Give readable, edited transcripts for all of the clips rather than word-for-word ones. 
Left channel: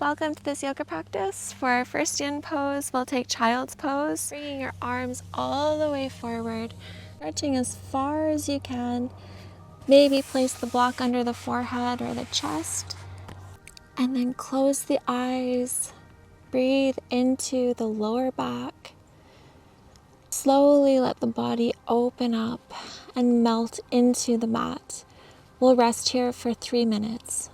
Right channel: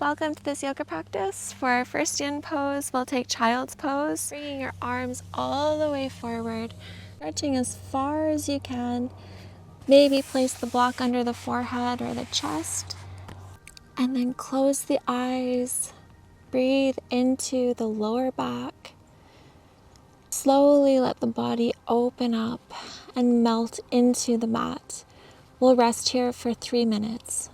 Welcome to this yoga practice. For our first yin pose, we'll take child's pose, bringing your arms all the way forward, stretching as far as you can. Maybe place the block under the forehead or the chest, and then close the eyes. Breathe into the lower back. Slowly let the body open up and melt into the mat. We'll rest here for 3 minutes.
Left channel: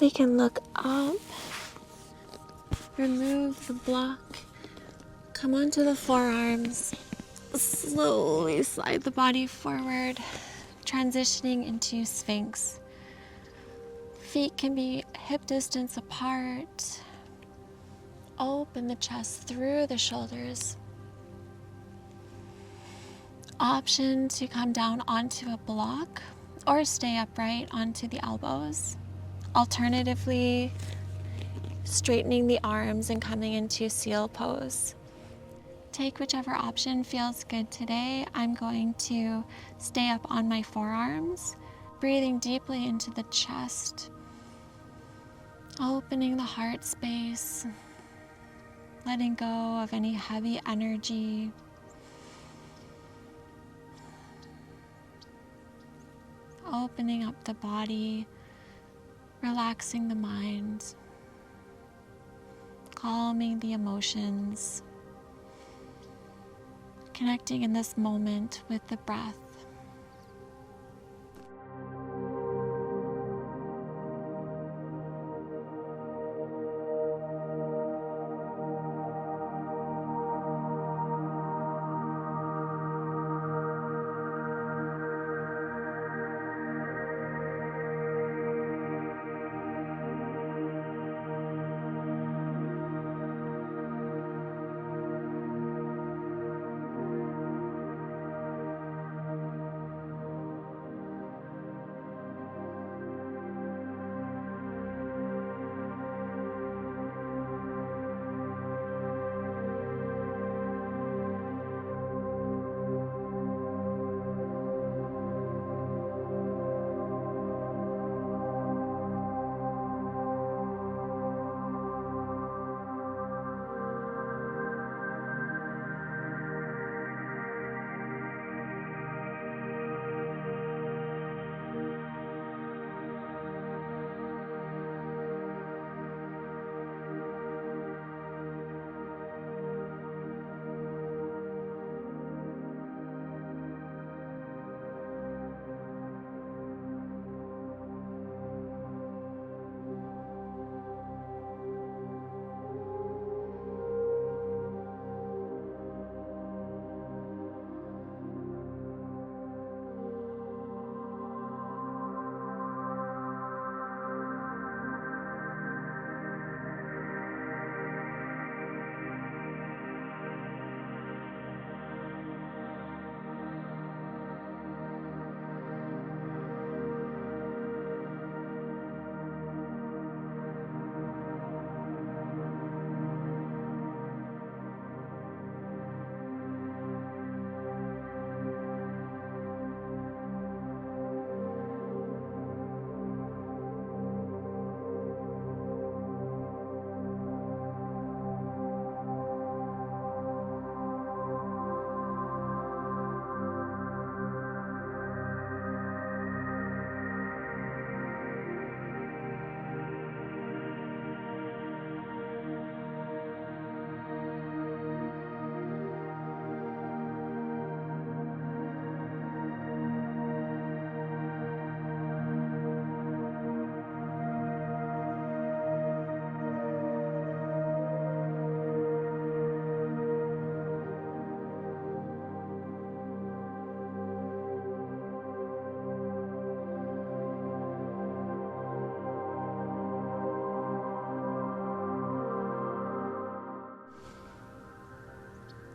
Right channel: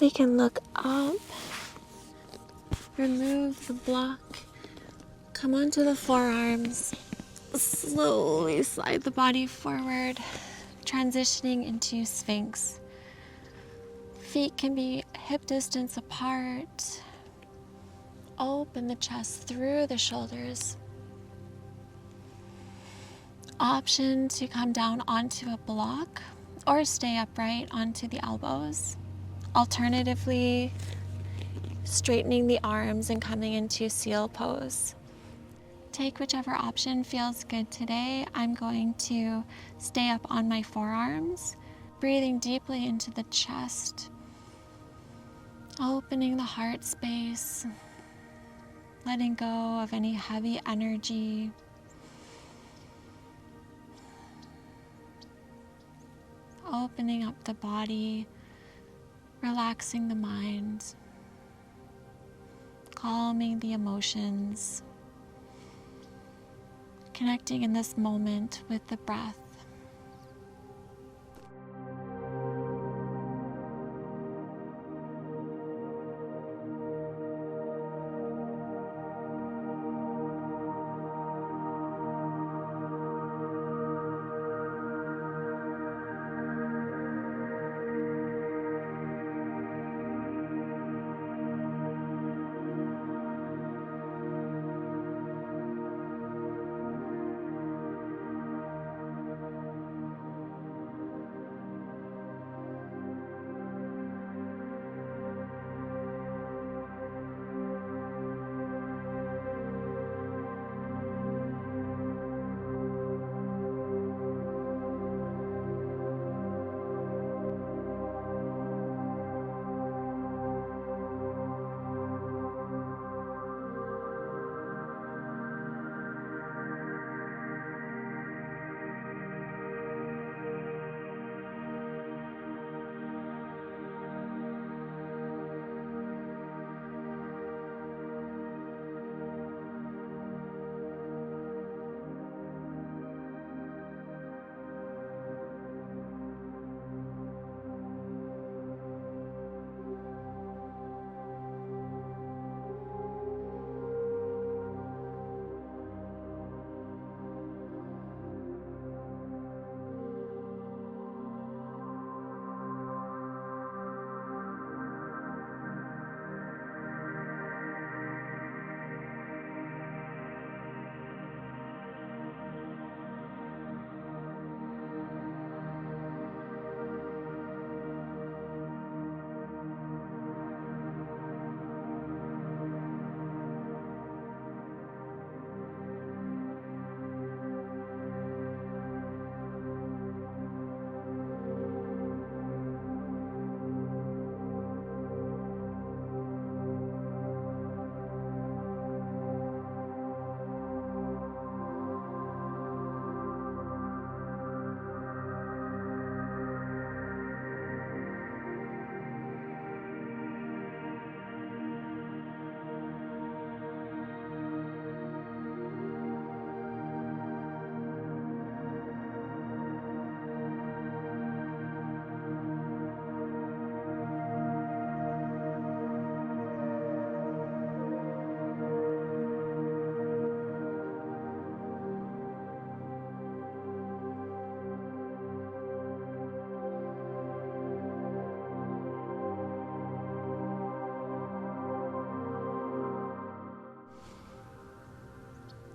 We can look up, remove the block, come onto the forearms, slowly slide the body forward, transitioning into Sphinx. Feet can be hip distance apart. Open the chest through the shoulders. Option to come down onto a block or stay upright onto the elbows. Alternatively, straightening the arms and coming into seal pose. Take whichever option feels good today. I'm going to stay up on my forearms, breathing deeply into the chest, opening the heart space, letting go of any heavy energy. Opening up the body, relaxing the mind, calming the emotions, connecting in this moment with the breath.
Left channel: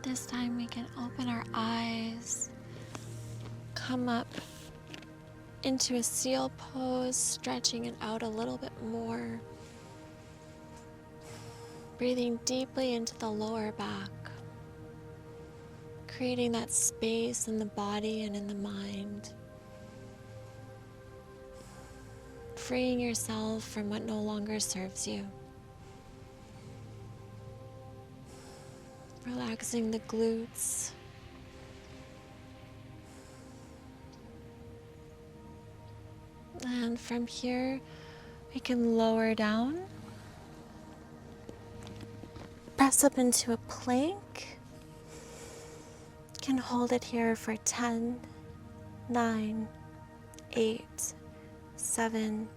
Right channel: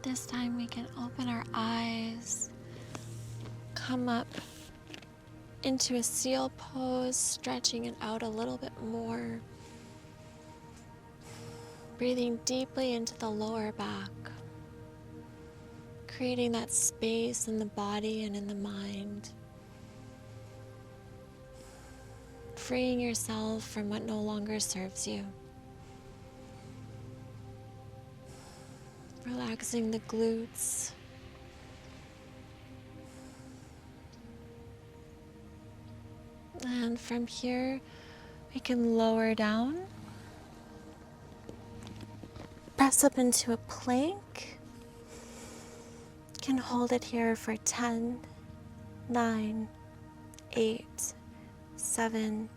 This time we can open our eyes, come up into a seal pose, stretching it out a little bit more. Breathing deeply into the lower back, creating that space in the body and in the mind. Freeing yourself from what no longer serves you. Relaxing the glutes. And from here, we can lower down. Press up into a plank. Can hold it here for 10, 9, 8, 7,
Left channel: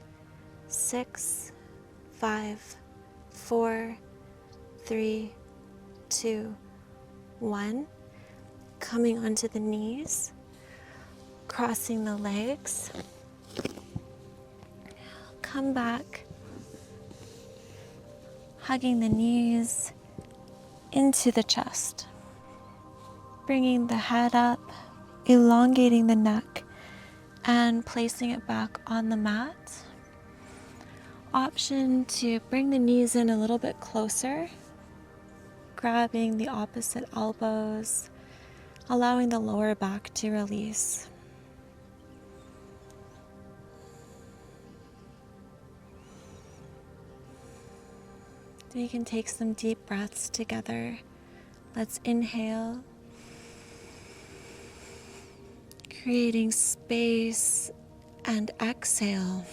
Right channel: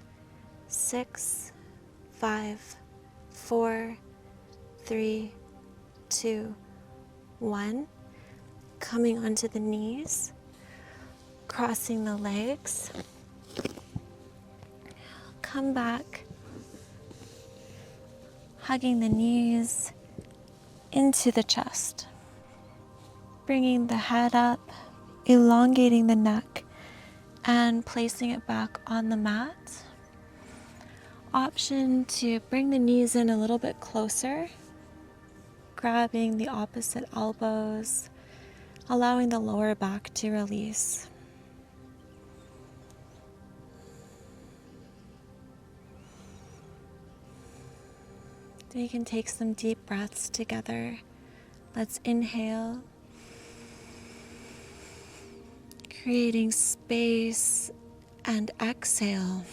6, 5, 4, 3, 2, 1. Coming onto the knees, crossing the legs. Come back, hugging the knees into the chest. Bringing the head up, elongating the neck, and placing it back on the mat. Option to bring the knees in a little bit closer, grabbing the opposite elbows, allowing the lower back to release. We can take some deep breaths together. Let's inhale, creating space, and exhale,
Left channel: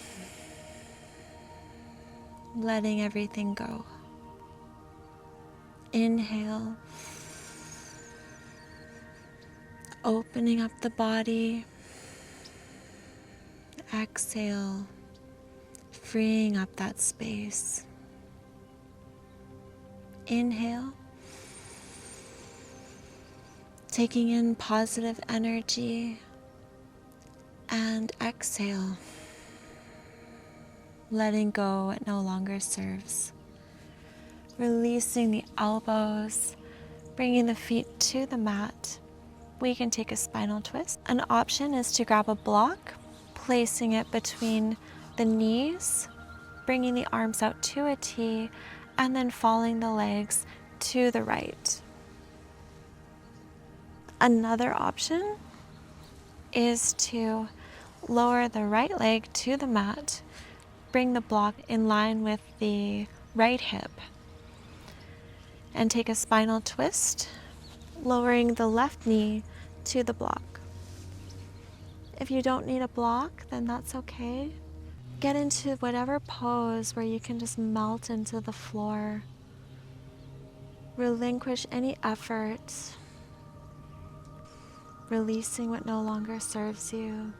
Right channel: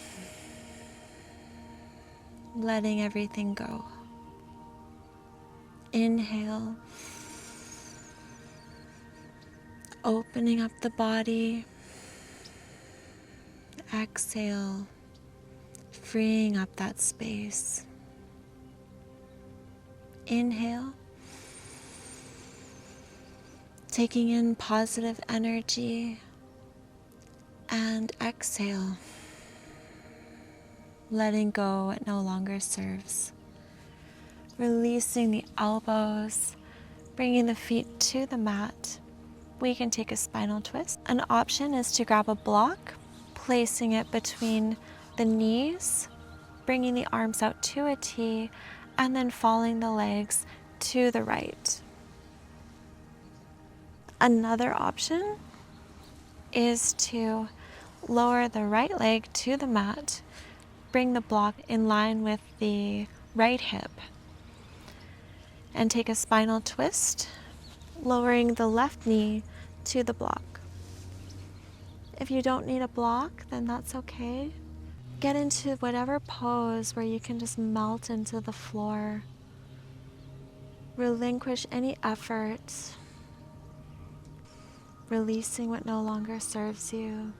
letting everything go. Inhale, opening up the body. Exhale, freeing up that space. Inhale, taking in positive energy, and exhale, letting go what no longer serves. Releasing the elbows, bringing the feet to the mat. We can take a spinal twist. An option is to grab a block, placing it between the knees, bringing the arms out to a T, and then following the legs to the right. Another option is to lower the right leg to the mat, bring the block in line with the right hip, and take a spinal twist, lowering the left knee to the block. If you don't need a block, then that's okay. Get into whatever pose where you can just melt into the floor. Relinquish any effort. Releasing what no longer serves you.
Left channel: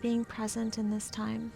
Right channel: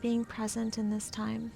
Being present in this time.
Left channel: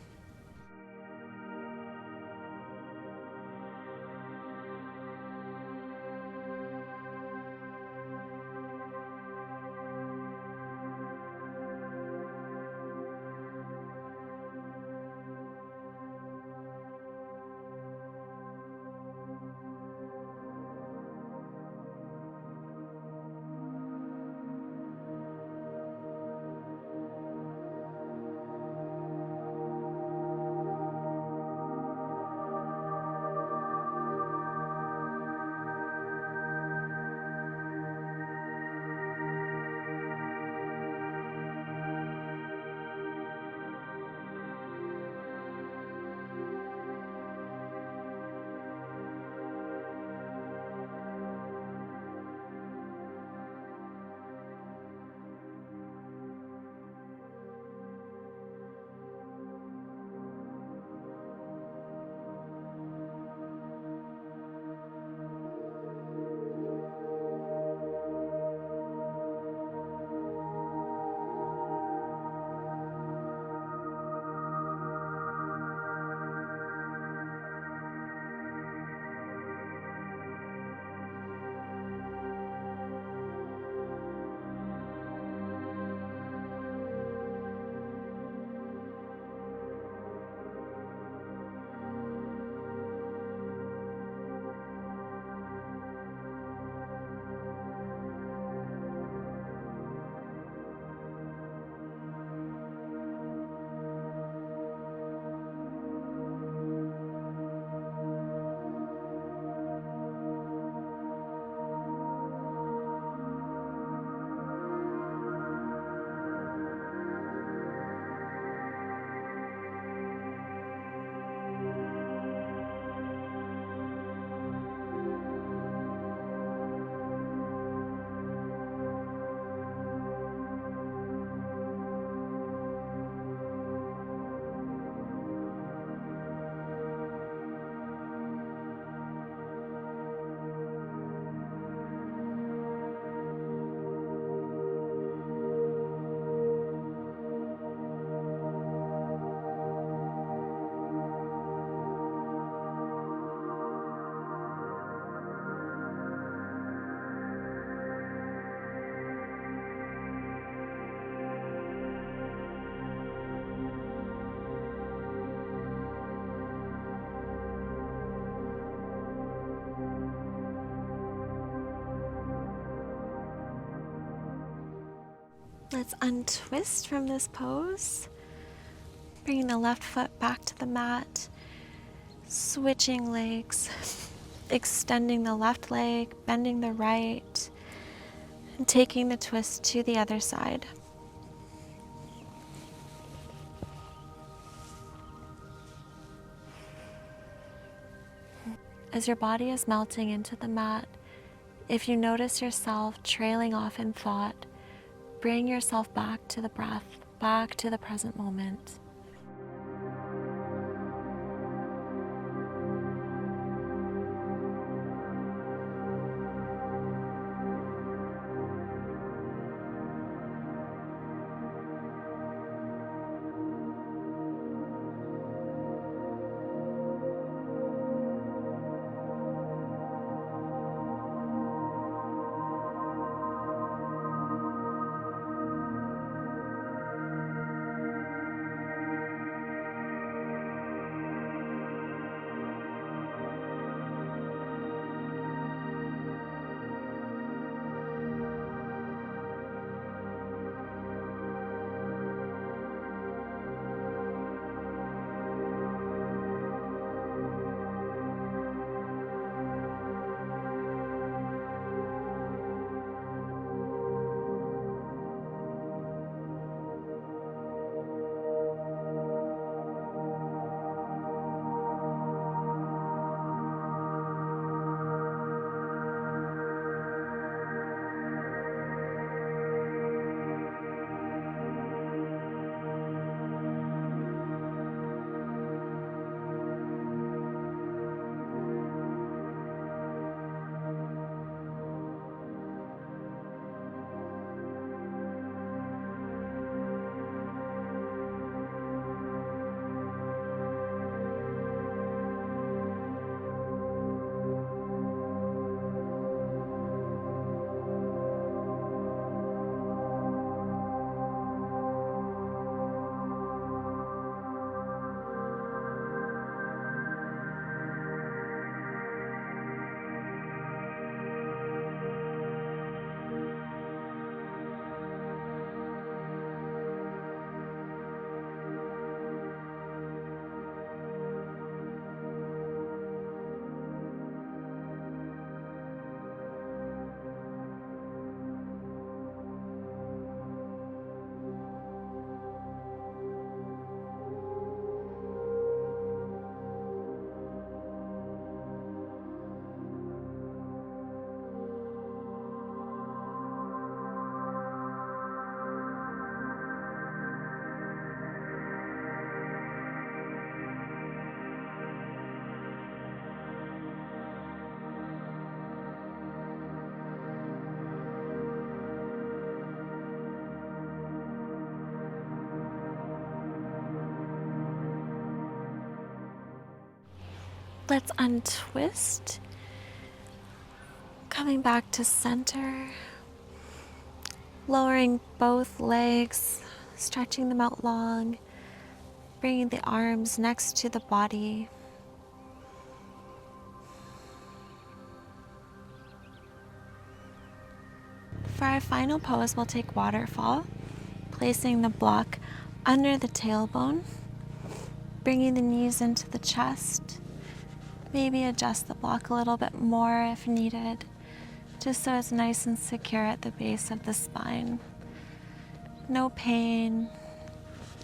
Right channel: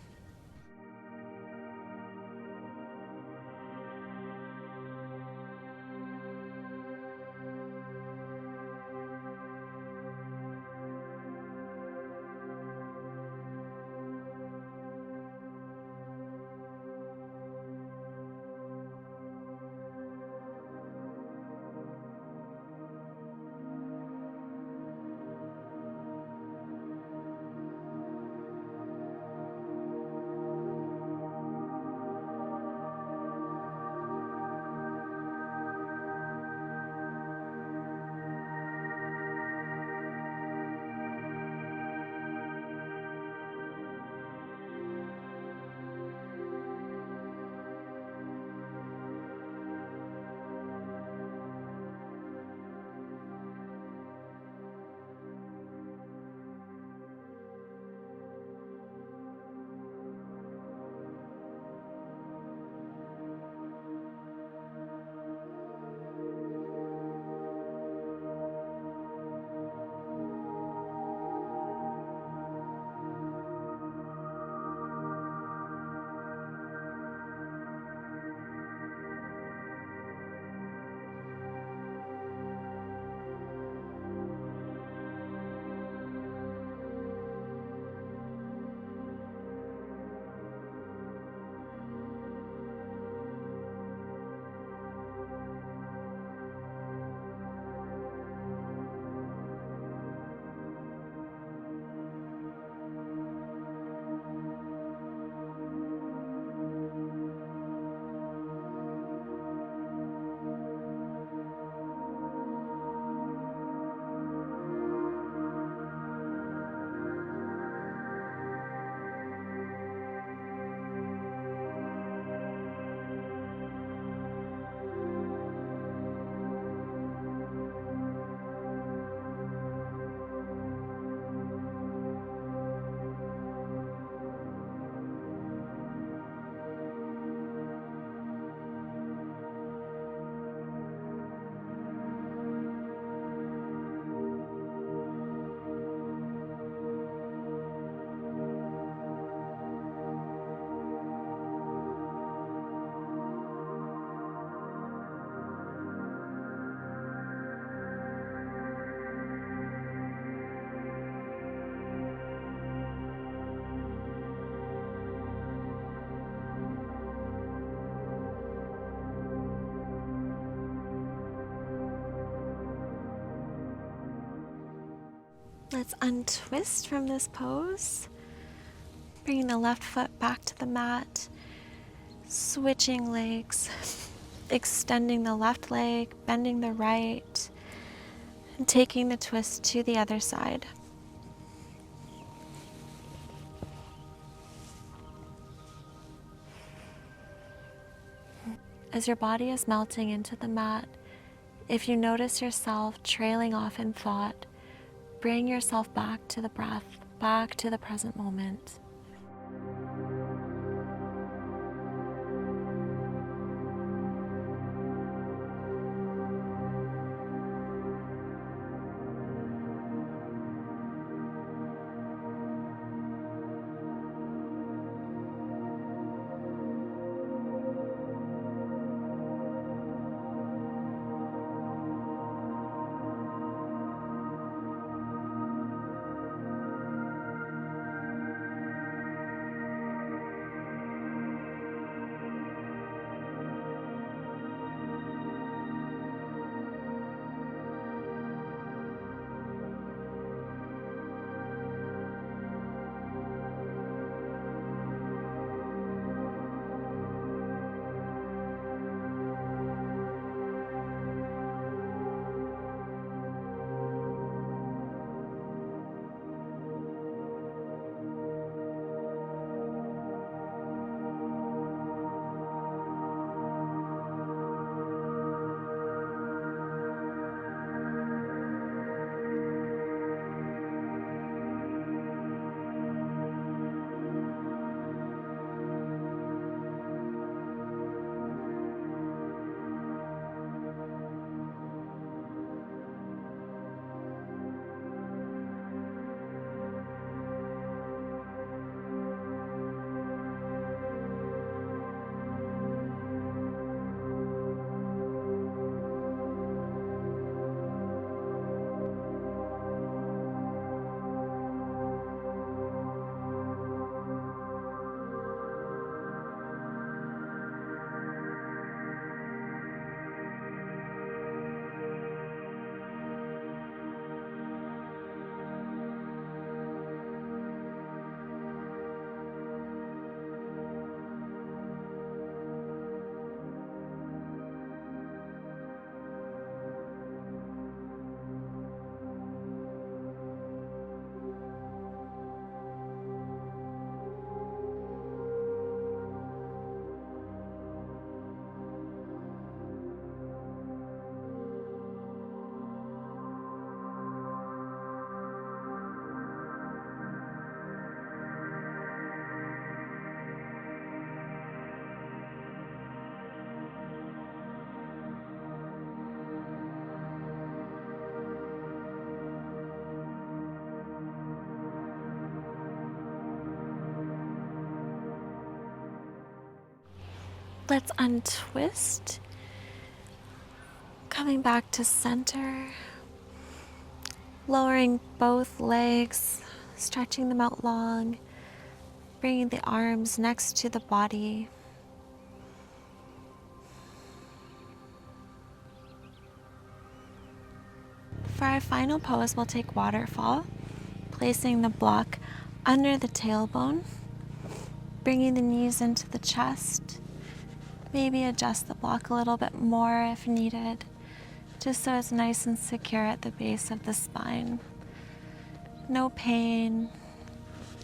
Let's untwist from this pose. Bringing the left foot back to the mat, switching legs, extending the left leg, bending the right, and taking the twist to the other side. As your body is melting into the mat, if you notice yourself trailing off in thought, bring yourself back to the breath, back to the present moment. Let's untwist, coming back to center, lowering both legs, stretching them out long, bringing the arms next to the body. For our final pose, we'll take Waterfall, placing the block under the tailbone, bringing the knees into the chest. Maybe adjust the block a little bit more if needed, just so it's nice and secure at the base of the spine. No pain,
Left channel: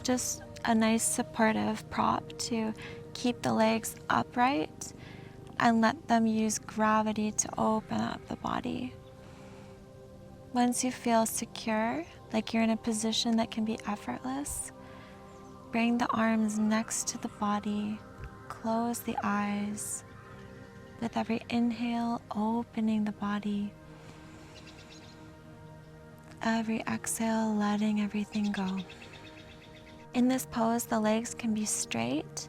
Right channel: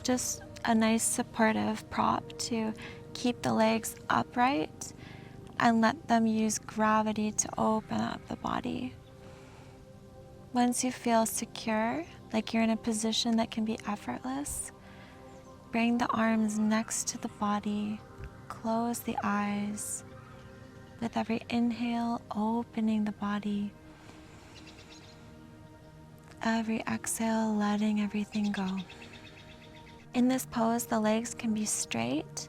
just a nice supportive prop to keep the legs upright and let them use gravity to open up the body. Once you feel secure, like you're in a position that can be effortless, bring the arms next to the body. Close the eyes. With every inhale, opening the body. Every exhale, letting everything go. In this pose, the legs can be straight,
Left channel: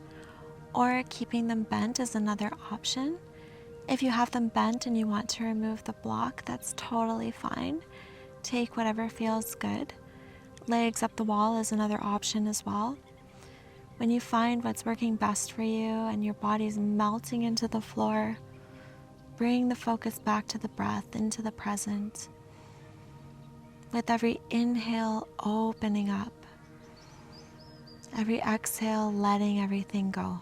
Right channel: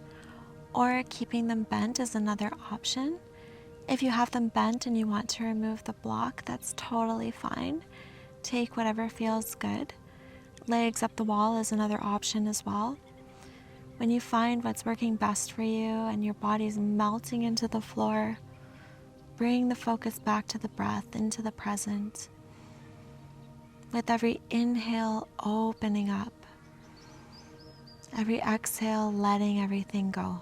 or keeping them bent is another option. If you have them bent and you want to remove the block, that's totally fine. Take whatever feels good. Legs up the wall is another option as well. When you find what's working best for you and your body's melting into the floor, bring the focus back to the breath, into the present. With every inhale, opening up. Every exhale, letting everything go.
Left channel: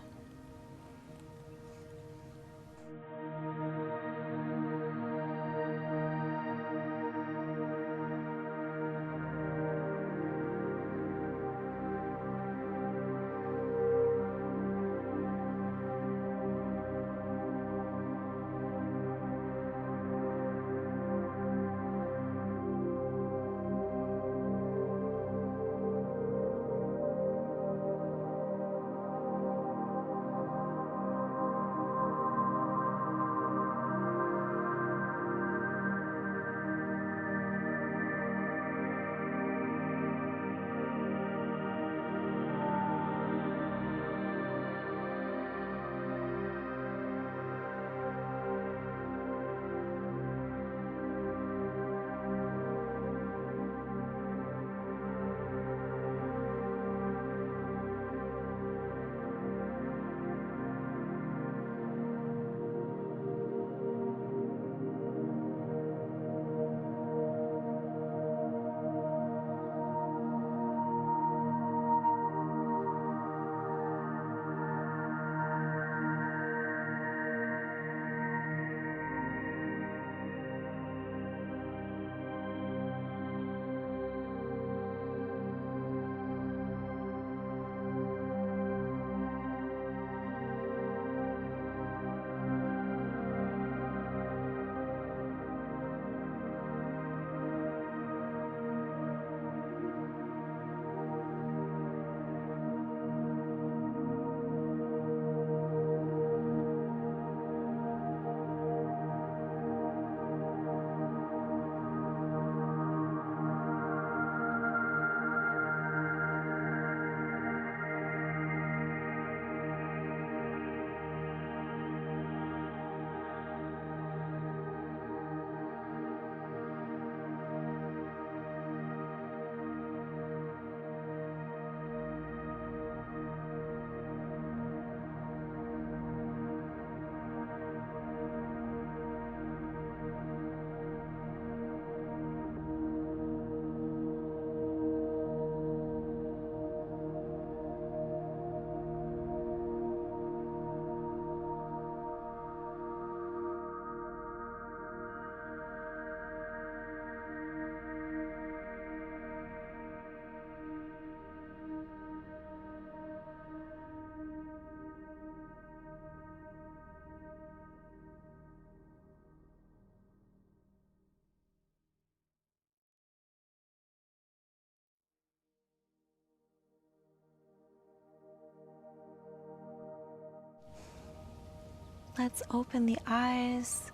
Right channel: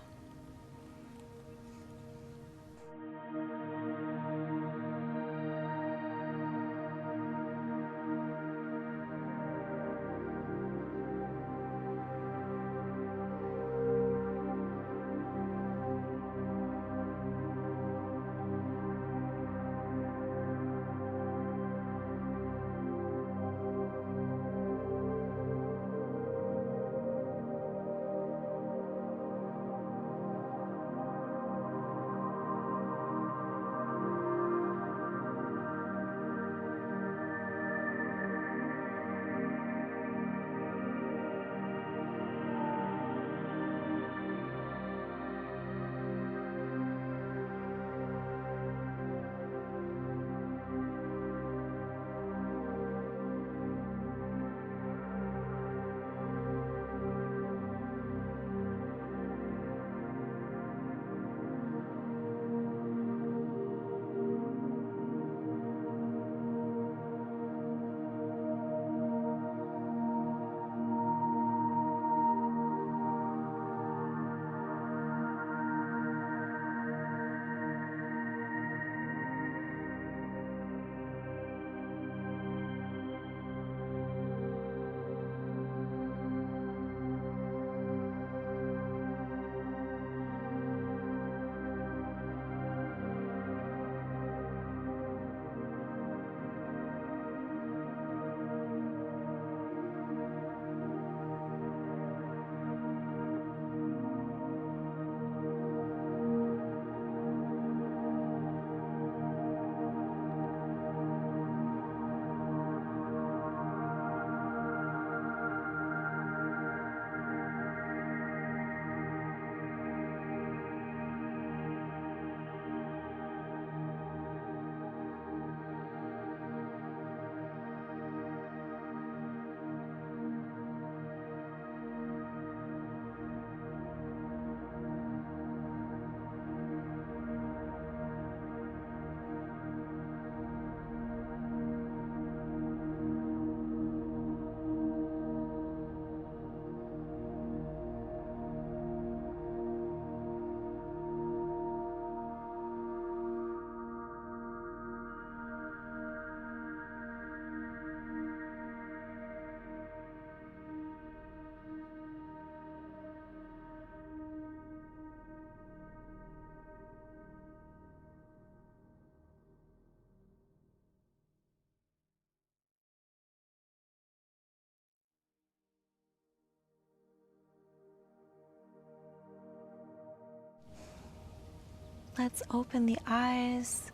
Let's open the eyes,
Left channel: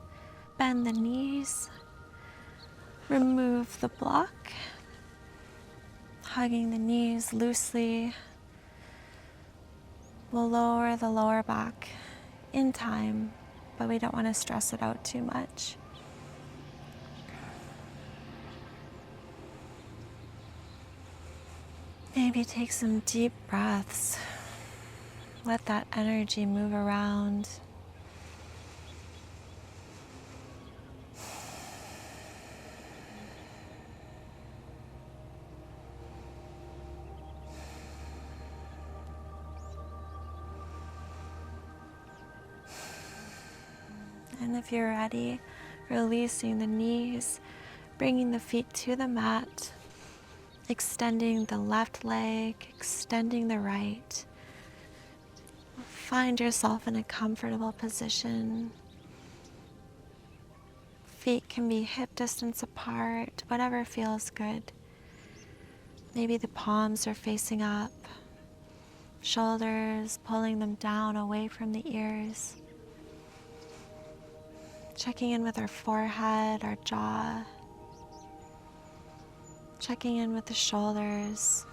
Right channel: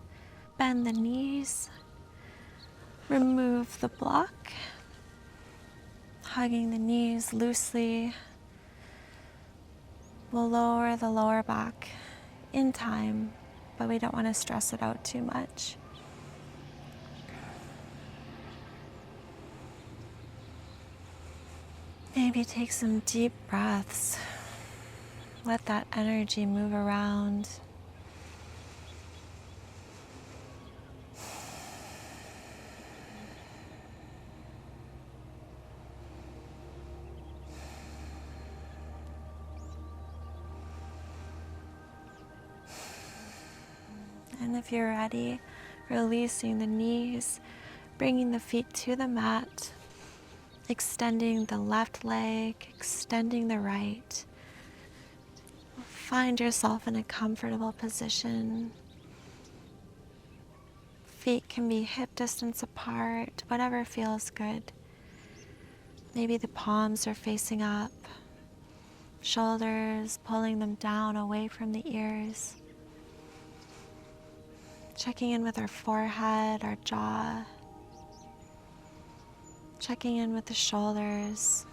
bend the knees, remove the block, hugging the knees loosely. We'll lower the lower back in time, but we don't want to stress it out too much. Maybe take some deep breaths. Let that energy move around. And if you're ready, releasing the knees, bringing the feet to the mat, extending the left leg, extending the right. Find yourself in a comfortable position. Feet can be hip distance apart, whatever feels good. Maybe the palms are facing up, shoulders pulling them down away from the ears. Checking in with our forehead, our jaw. Checking in with the shoulders.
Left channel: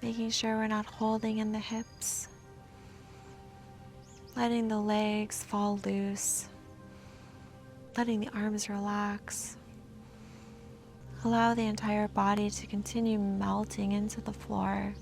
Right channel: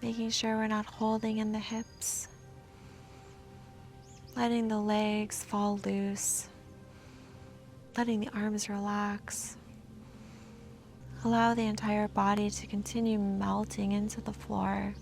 Making sure we're not holding in the hips. Letting the legs fall loose. Letting the arms relax. Allow the entire body to continue melting into the floor.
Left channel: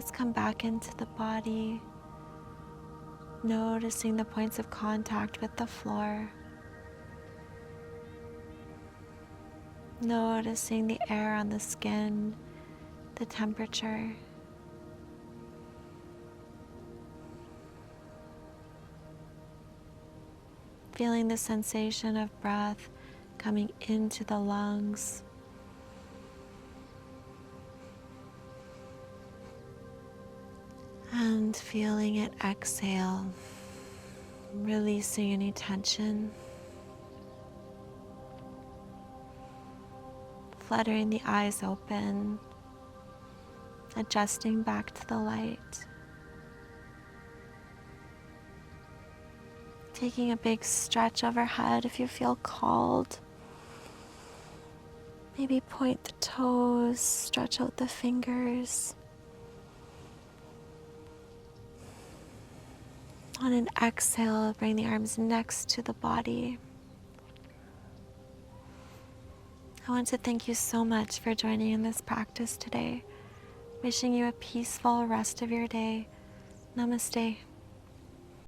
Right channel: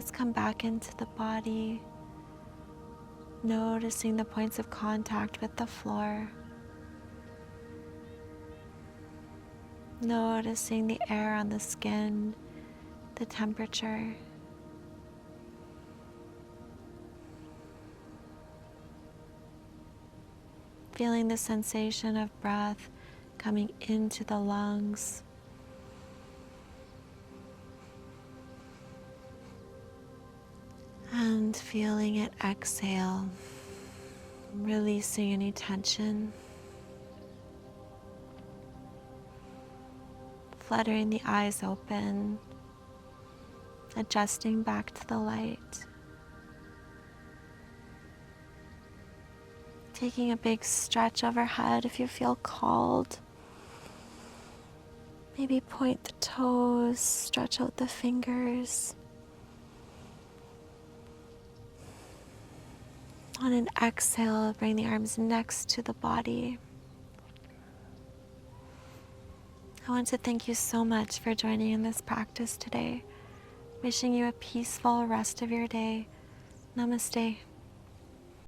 Let's come back into the body, noticing the points of contact with the floor. Noticing the air on the skin, the temperature. Feeling the sensation of breath coming into the lungs. And feeling it exhale, releasing any tension. Fluttering the eyes open, adjusting back to the light. Taking a big stretch overhead if you feel called. Maybe point the toes, stretch out the fingers. On an exhale, bring the arms next to the body. I want to thank you so much for joining in this practice today. Wishing you a peaceful rest of your day. Namaste.